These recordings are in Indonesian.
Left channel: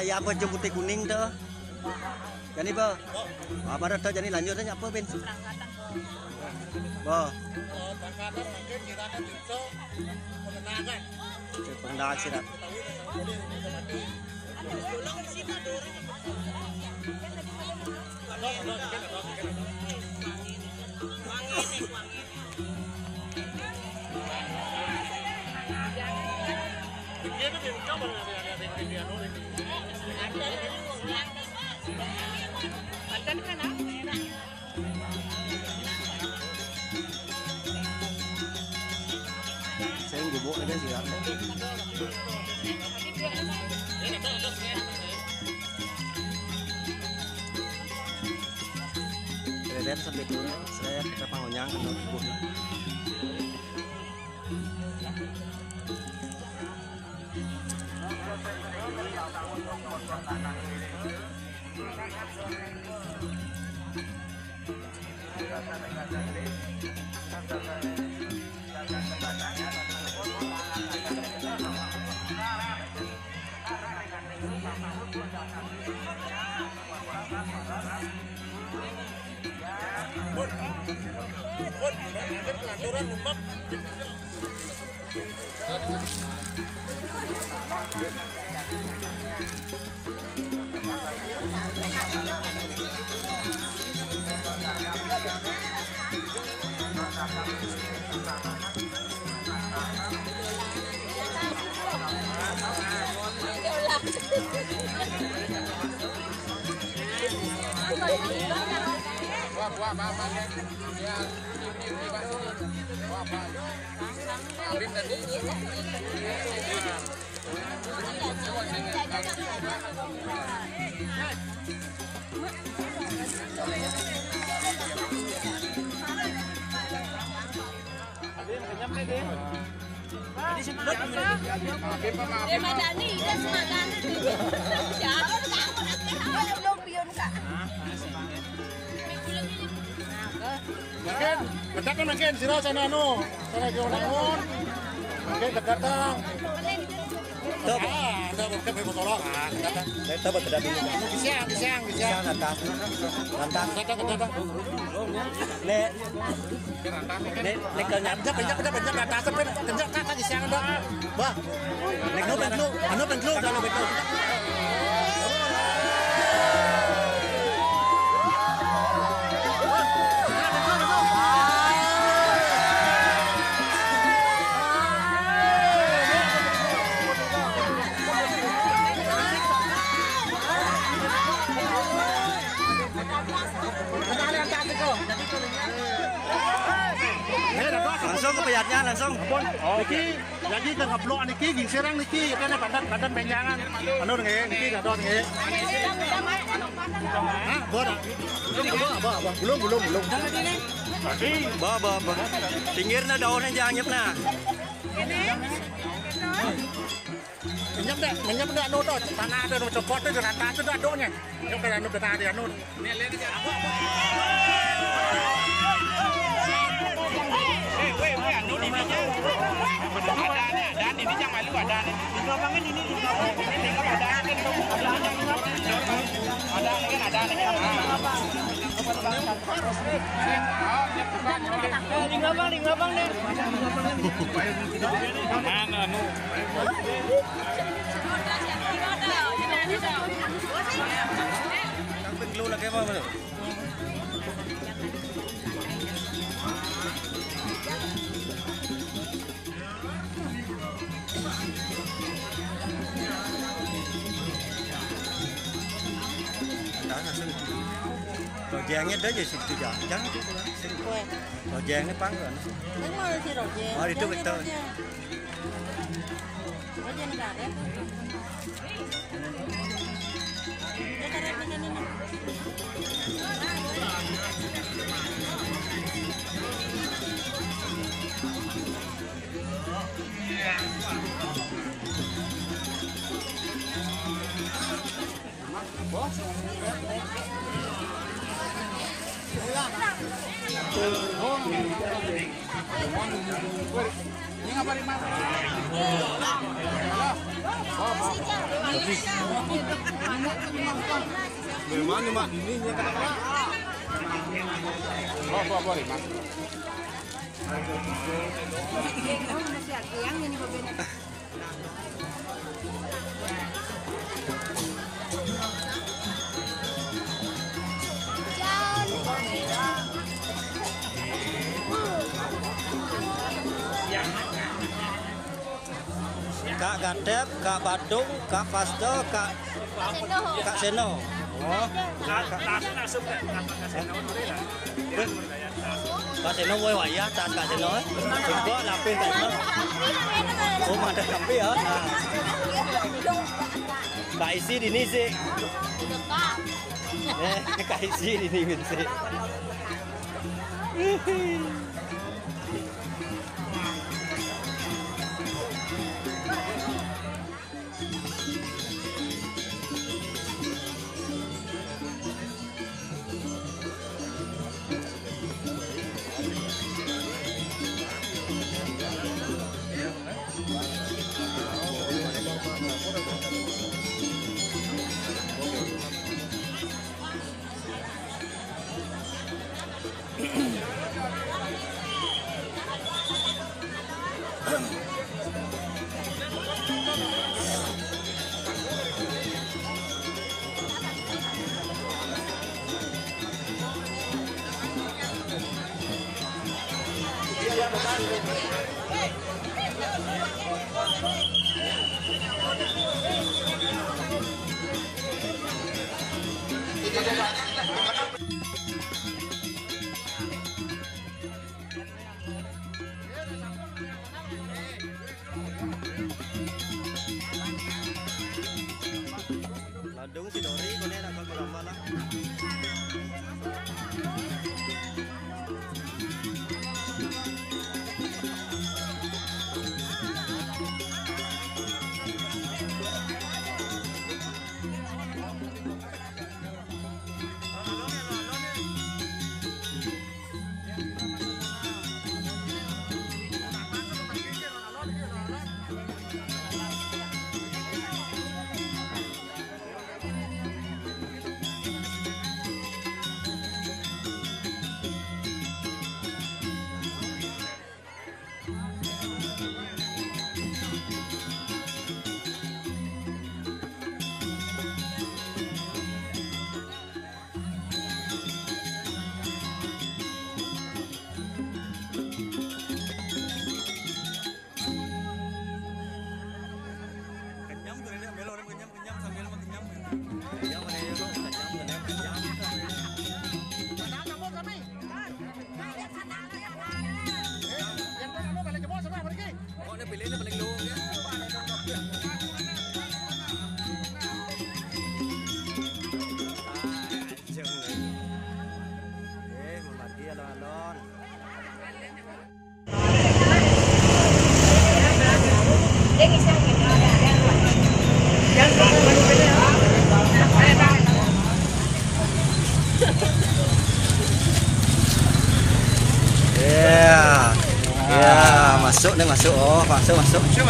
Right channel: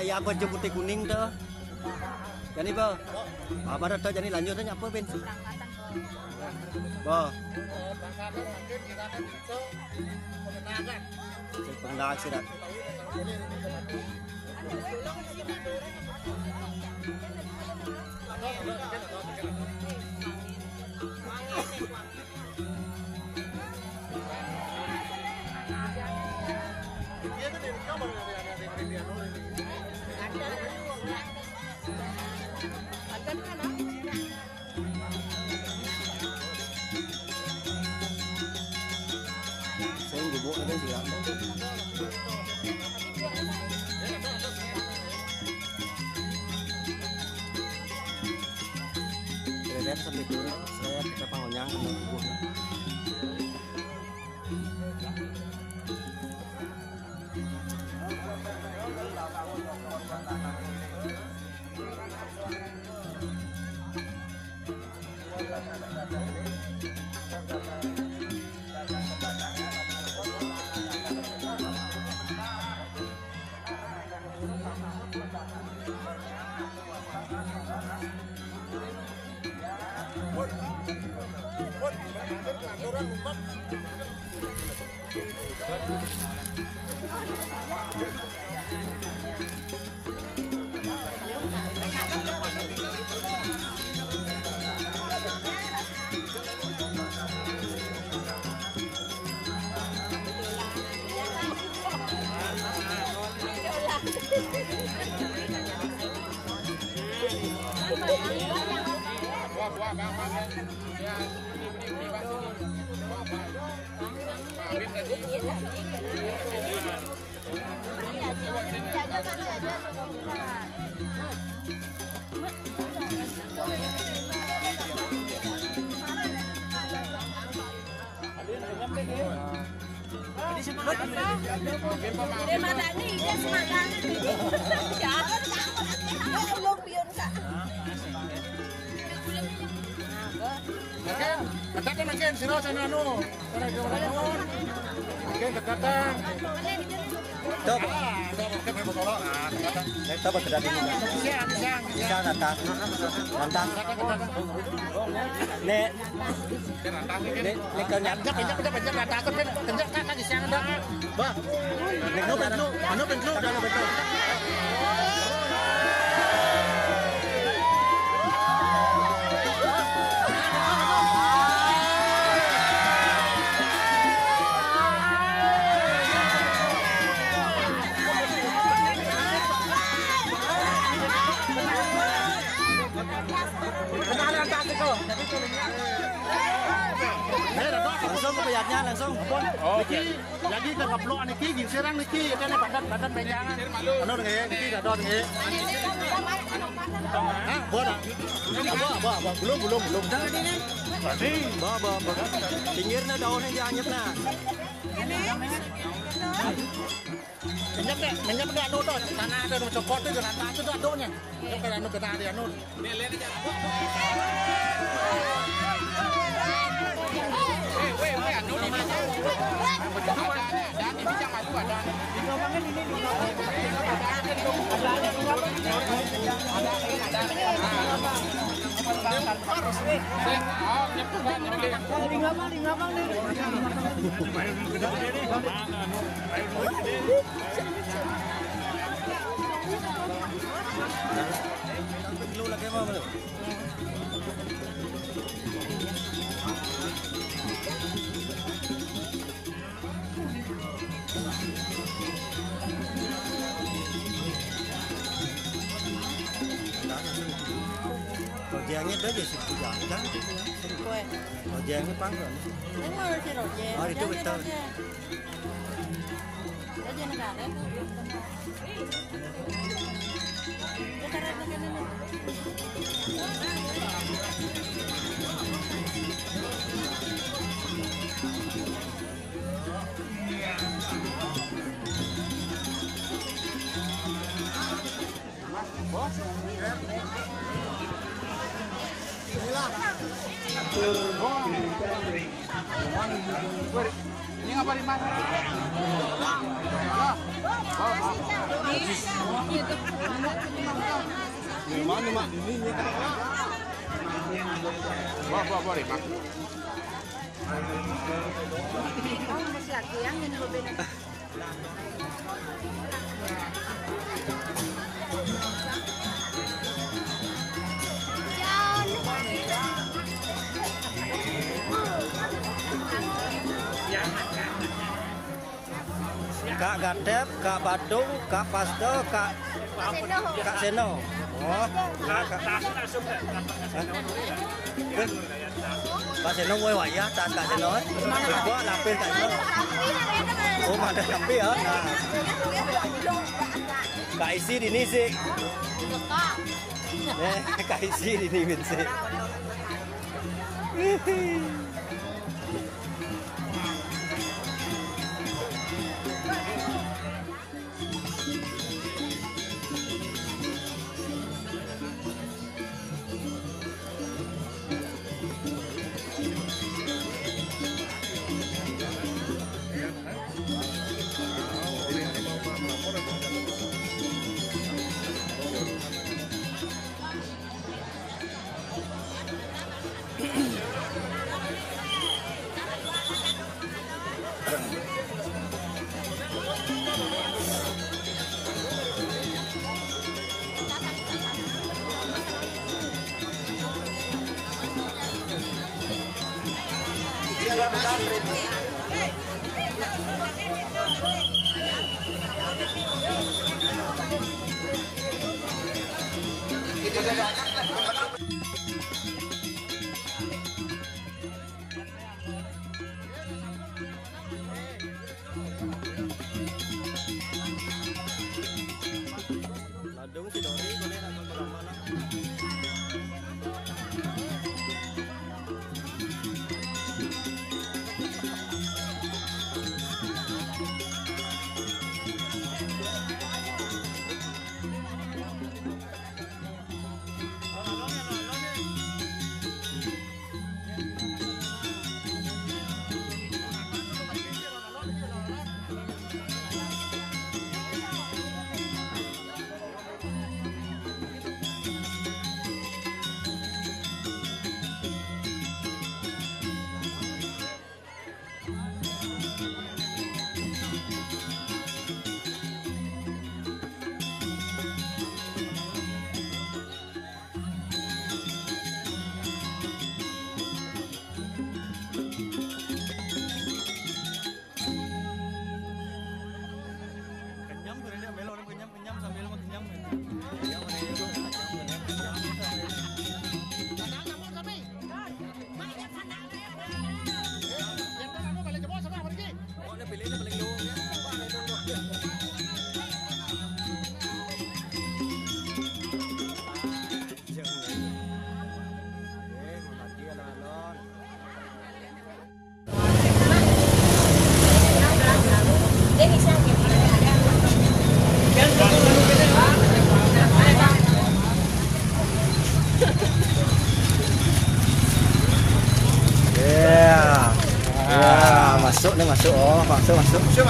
kayak apa aja putih kuning tuh. Jadi bah, apa tuh jadi lanjutnya apa bensin? Bah, enggak sih dah. Katakan makin sila sa nano. Para di unaon. Okay, katakan. Kita may bukolok. Kita berada di Siang. Mantap. Nek. Nek kanya Bener atas sampai kencang kakak di siang dah. Bah. Nek pentlu dah. langsung ke bayarnya langsung. Niki, jadi dah ngeblok niki, giserang niki, kan badan benjangan. Anu nggih, niki dah dot nggih. Hah, boda. Belum. Ba. Pinggirnya daunnya jangan nyepna. Menyep dah dodo, mana ada nu copot tu dengan tangan tu donya. Yo kan anu kena ada anu. Jengnya tadi situ jangan. Jengnya panggilan. Oh itu betul. Ini apa nih, Mas? Memang mak ini kenapa? Boleh mak. Kak Gadep, Kak Badung, Kak Pasdo, Kak Seno. Oh, Kak Seno mau wayang, Kak Seno. Gua lapin kan. Semua ada tapi ya. Kak isi di sini sih. Kak isi di sini sih.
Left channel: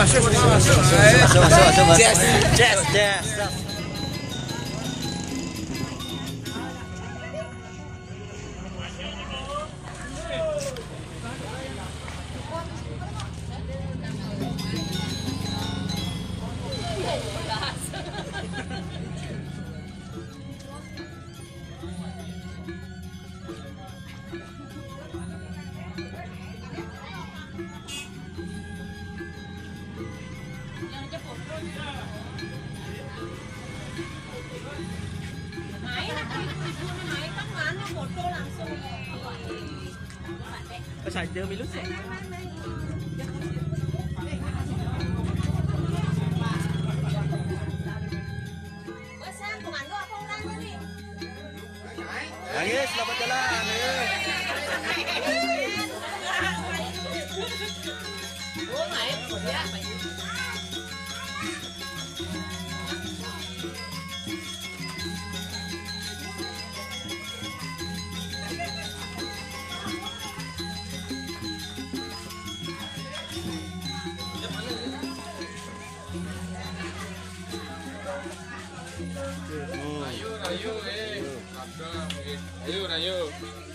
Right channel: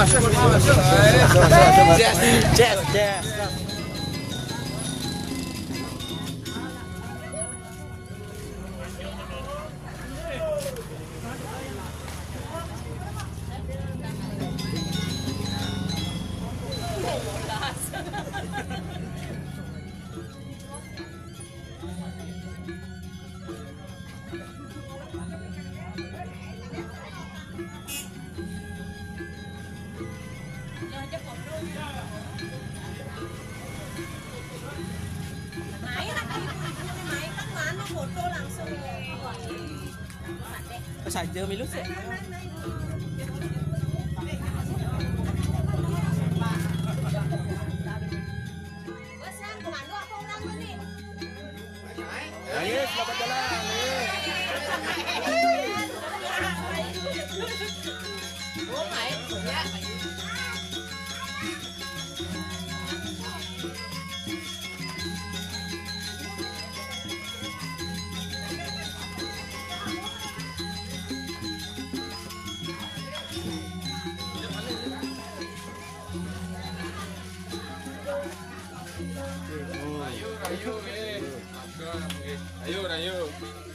Masuk. Jazz. Saja milu sih. Ayo, ayo, ayo.